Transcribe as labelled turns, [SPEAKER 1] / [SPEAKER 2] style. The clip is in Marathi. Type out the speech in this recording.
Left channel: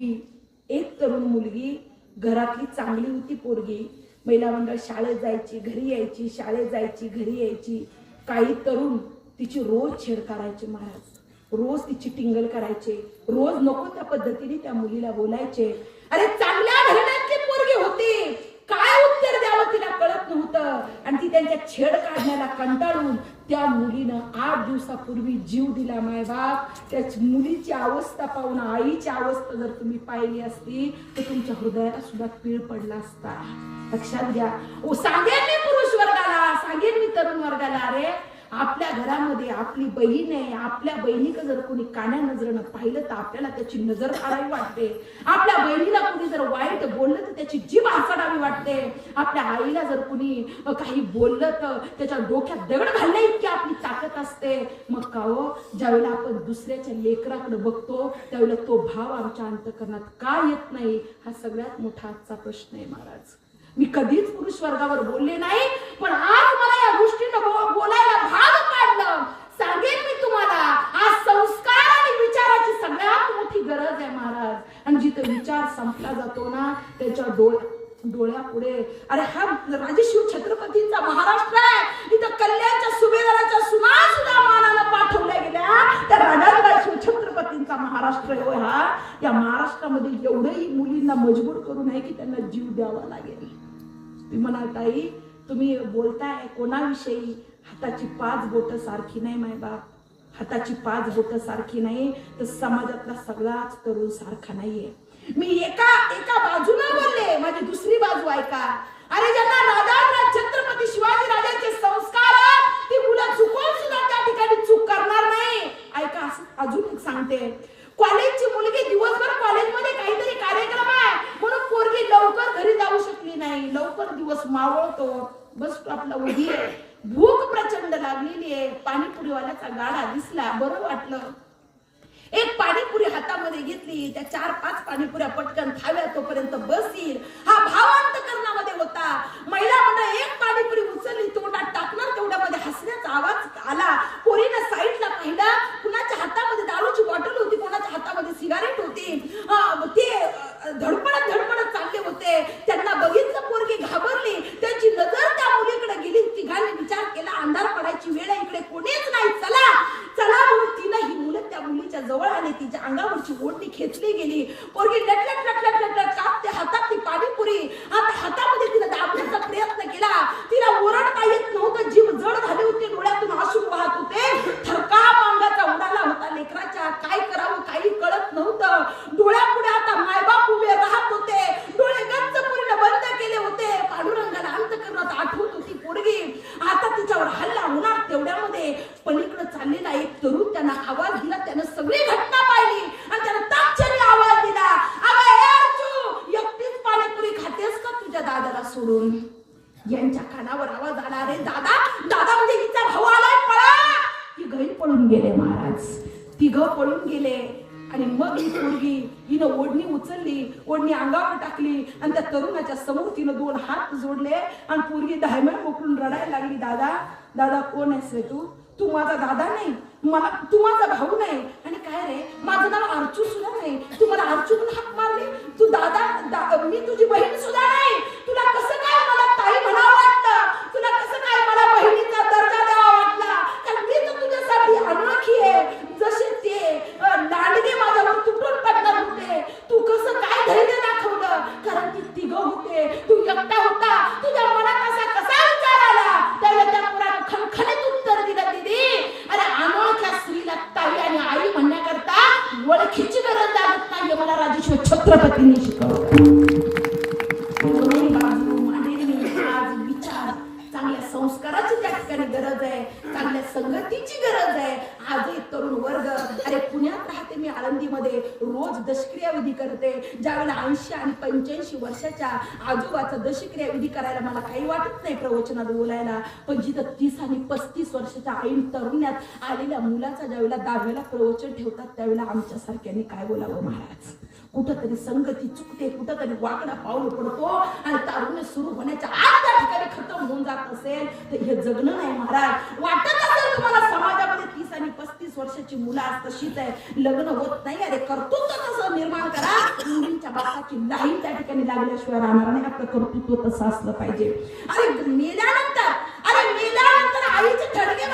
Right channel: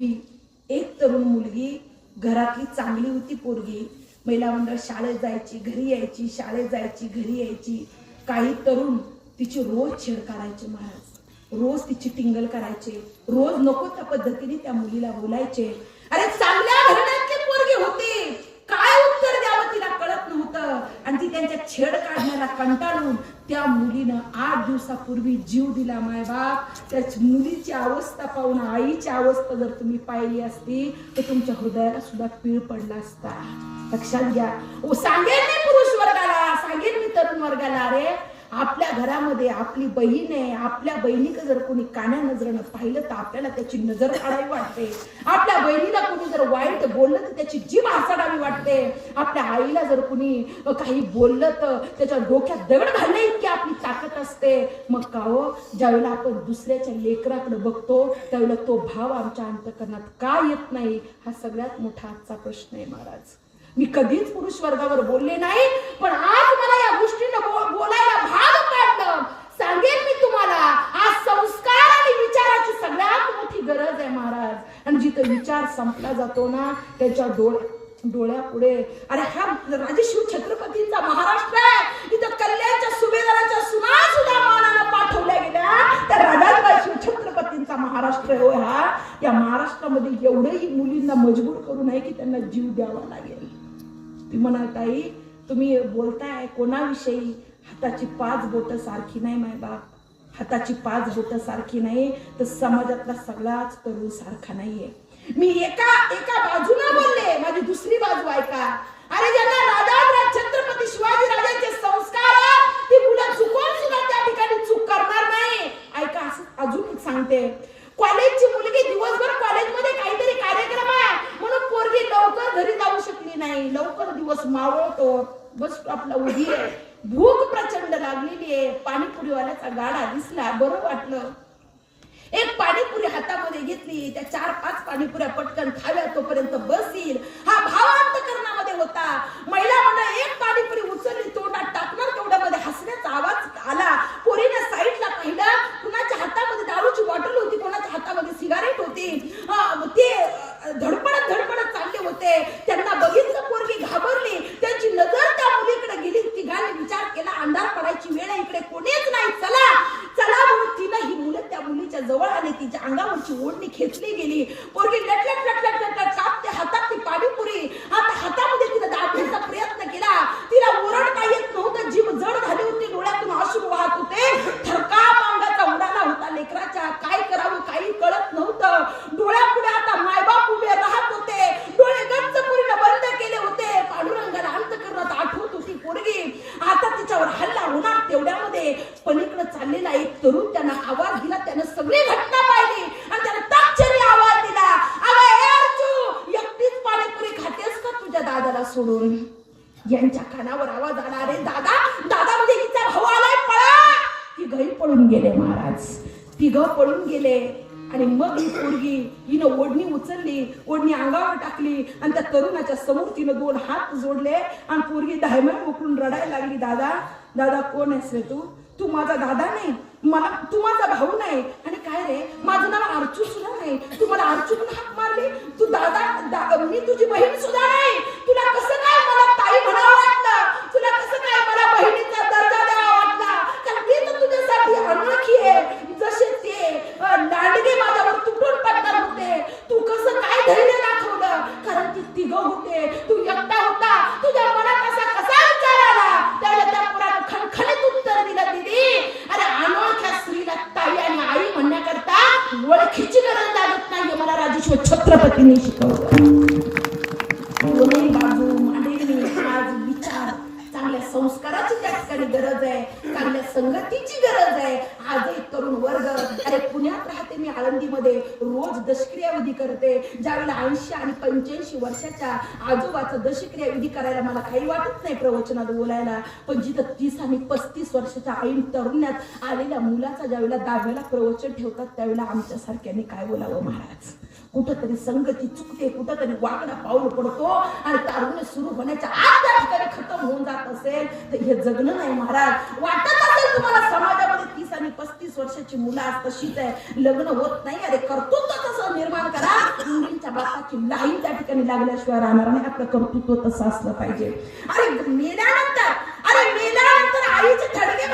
[SPEAKER 1] एक तरुण मुलगी घरातली चांगली होती पोरगी. महिला मंडळ शाळेत जायची घरी यायची शाळेत जायची घरी यायची. काही तरुण तिची रोज छेड करायचे महाराज. रोज तिची टिंगल करायचे. रोज नको त्या पद्धतीने त्या मुलीला बोलायचे. अरे चांगले घराण्यातली पोरगी होती काय उत्तर द्यावं तिला कळत नव्हतं आणि ती त्यांच्या छेड काढण्याला कंटाळून त्या मुलीनं आठ दिवसापूर्वी जीव दिला मायबाप त्या मुलीची अवस्था पाहून आईची अवस्था जर तुम्ही पाहिली असती तर तुमच्या हृदयाला सुद्धा पीळ पडला असता. लक्षात घ्या. ओ सांगेन मी पुरुष वर्गाला सांगेन मी तरुण वर्गाला अरे. आपल्या घरामध्ये आपली बहीण आहे आपल्या बहिणीकडे जर कोणी कान्या नजरेनं पाहिलं तर आपल्याला त्याची नजर काढावी वाटते. आपल्या बहिणीला कोणी जर वाईट बोललं तर त्याची जीभ हसाडावी वाटते. आपल्या आईला जर कोणी काही बोललं तर त्याच्या डोक्यात दगड घालण्या इतकी आपली ताकद असते. मग का हो? ज्यावेळेला आपण दुसऱ्याच्या लेकराकडे बघतो त्यावेळेला तो भाव आमच्या अंतकरणात का येत नाही? हा सगळ्यात मोठा आजचा प्रश्न आहे महाराज. मी कधीच पुरुष वर्गावर बोलले नाही पण आज मला या गोष्टीनं बो- बोलायला भाग पाडलं सांगेन मी तुम्हाला आज संस्कार आणि विचाराची सगळ्यात मोठी गरज आहे महाराज आणि जिथं विचार संपला जातो ना त्याच्या डोळ्या डोळ्यापुढे. अरे हा राजेशिव छत्रपतींचा महाराष्ट्र आहे. इथं कल्याणच्या सुभेदाराच्या सुना सुद्धा मानाला पाठवल्या गेल्या. त्या राजाचा शिव छत्रपतींचा महाराष्ट्र हो हा. या महाराष्ट्रामध्ये एवढंही मुलींना मजबूर करू नये की त्यांना जीव द्यावा लागेल. ती म्हणाल ताई तुम्ही बोलताय कोणाविषयी? हाताची पाच बोट सारखी नाही माय बाप. हाताची पाच बोट सारखी नाही. तर समाजातला सगळाच तरुण सारखा नाहीये. मी एका एका बाजूला बोलले माझी दुसरी बाजू ऐका. अरे ज्यांना राजा छत्रपती शिवाजी राजांचे संस्कार ती मुलं चुकून सुद्धा त्या ठिकाणी चूक करणार नाही. ऐका असं अजून सांगते. कॉलेजची मुलगी दिवसभर कॉलेजमध्ये काहीतरी कार्यक्रम आहे म्हणून पोरगी लवकर घरी जाऊ शकली नाही. लवकर दिवस मावळतो. बस स्टॉपला उभी आहे. भूक प्रचंड लागलेली आहे. पाणीपुरीवाल्याचा गाडा दिसला. बरं वाटलं. एक पाणीपुरी हातामध्ये घेतली त्या चार पाच पाणीपुऱ्या पटकन खाव्या तोपर्यंत बसील हा भावांत अंतकरणामध्ये होता महिला मंडळ एक पाणीपुरी उचलली तोंडात टाकणार तेवढ्यामध्ये हसण्याचा आवाज आला पोरीने साईडला पाहिला कुणाच्या हातामध्ये दारूची बॉटल होती कोणाच्या हातामध्ये सिगारेट होती अं, ते अं, धडपडत धडपडत चालले होते त्यांना बघितलं पोरगी घाबरली त्यांची नजर त्या मुलीकडे गेली तिघांनी विचार केला अंधार पडायची वेळ आहे, इकडे कोणीच नाही चला चला म्हणून तिनं ही मुलं त्या मुलीच्या जवळ आली तिच्या अंगावरची ओढणी खेचली गेली. पोरगी लटलट लटलट लटलट कापते हातात ती पाणीपुरी आता हातामध्ये तिला दाबण्याचा प्रयत्न केला. तिला ओरड काय येत नव्हतं. जीव जड झाली होती डोळ्यातून अश्रू वाहत होते थरकाप अंगाचा उडाला होता लेकराच्या काय करावं काही कळत नव्हतं डोळ्यापुढे आता मायबाप उभे राहत होते डोळे गच्च पुरीनं बंद केले होते पांडुरंगाला अंत करत आठवत होती पोरगी आता तिच्यावर हल्ला होणार तेवढ्यामध्ये पलीकडे चाललेला एक तरुण त्यांना आवाज दिला त्यानं सगळी घटना पाहिली आणि त्यानं ताक्षणी आवाज दिला अगं ए अर्जू एकटीच पाणीपुरी खातेस का तुझ्या दादाला सोडून यांच्या कानावर आवाज आला अरे दादा दादा म्हणजे हिचा भाऊ आलाय पळा. ती पळून गेले महाराज. तिघ पळून गेले. आणि मग ही पोरगी हिनं ओढणी उचलली ओढणी अंगावर टाकली आणि त्या तरुणाच्या समोर तिनं दोन हात जोडले आणि पोरगी धायमन मोकळून रडायला लागली दादा दादा कोण आहेस रे तू? तू माझा दादा नाही. मला तू माझा भाऊ नाही. आणि काय रे? माझं नाव अर्चू सुद्धा नाही. तू मला अर्चू हाक मारली? तू दादा दा- मी तुझी बहीण सुद्धा नाही तुला कसं काय मला ताई म्हणावं वाटलं तुला कसं काय मला बहिणीचा दर्जा द्यावा वाटला कारण मी तर तुझ्यासाठी अनोळखी आहे जसे ते अं, लांडगे माझ्यावर तुटून पडणार होते तू कसं काय धैर्य दाखवलं कारण ती तिघ होते. तू एकटा होता. तुझ्या मनात असा कसा विचार आला? त्याला त्या पुराण खणखणीत उत्तर दिलं दिदी अरे अनोळख्या स्त्रीला ताई आणि आई म्हणण्याकरता ओळखीची गरज लागत नाही. मला राजेश्वर छत्रपतींनी शिकवलं. संस्काराची त्या ठिकाणी गरज आहे. चांगल्या संगतीची गरज आहे. आजही तरुण वर्ग अरे पुण्यात राहते मी आळंदीमध्ये. रोज दशक्रियाविधी करते. ज्यावेळेला ऐंशी आणि पंच्याऐंशी वर्षाच्या आजोबाचा दशक्रियाविधी करायला मला काही वाटत नाही प्रवचनात बोलायला. पण जिथं तीस आणि पस्तीस वर्षाच्या ऐन तरुण्यात आलेल्या मुलाचा ज्यावेळेला दहाव्याला प्रवचन ठेवतात त्यावेळेला आमच्यासारख्याने काय बोलावं महाराज? कुठंतरी संगती चुकते कुठंतरी वाकडा पाऊल पडतो आणि तारुण्य सुरू होण्याच्या आत असेल तर हे जगणं नाही महाराज. वाटत असेल तुम्हाला समाजामध्ये तीस आणि पस्तीस वर्षाची मुलं आज तशीच आहे. लग्न होत नाही अरे कर्तृत्व तसं निर्माण करा. मुलींच्या बापाची लाईन त्या ठिकाणी लागल्याशिवाय राहणार नाही. आपलं कर्तृत्व तसं असलं पाहिजे. अरे मेल्यानंतर अरे मेल्यानंतर आईचे थडगे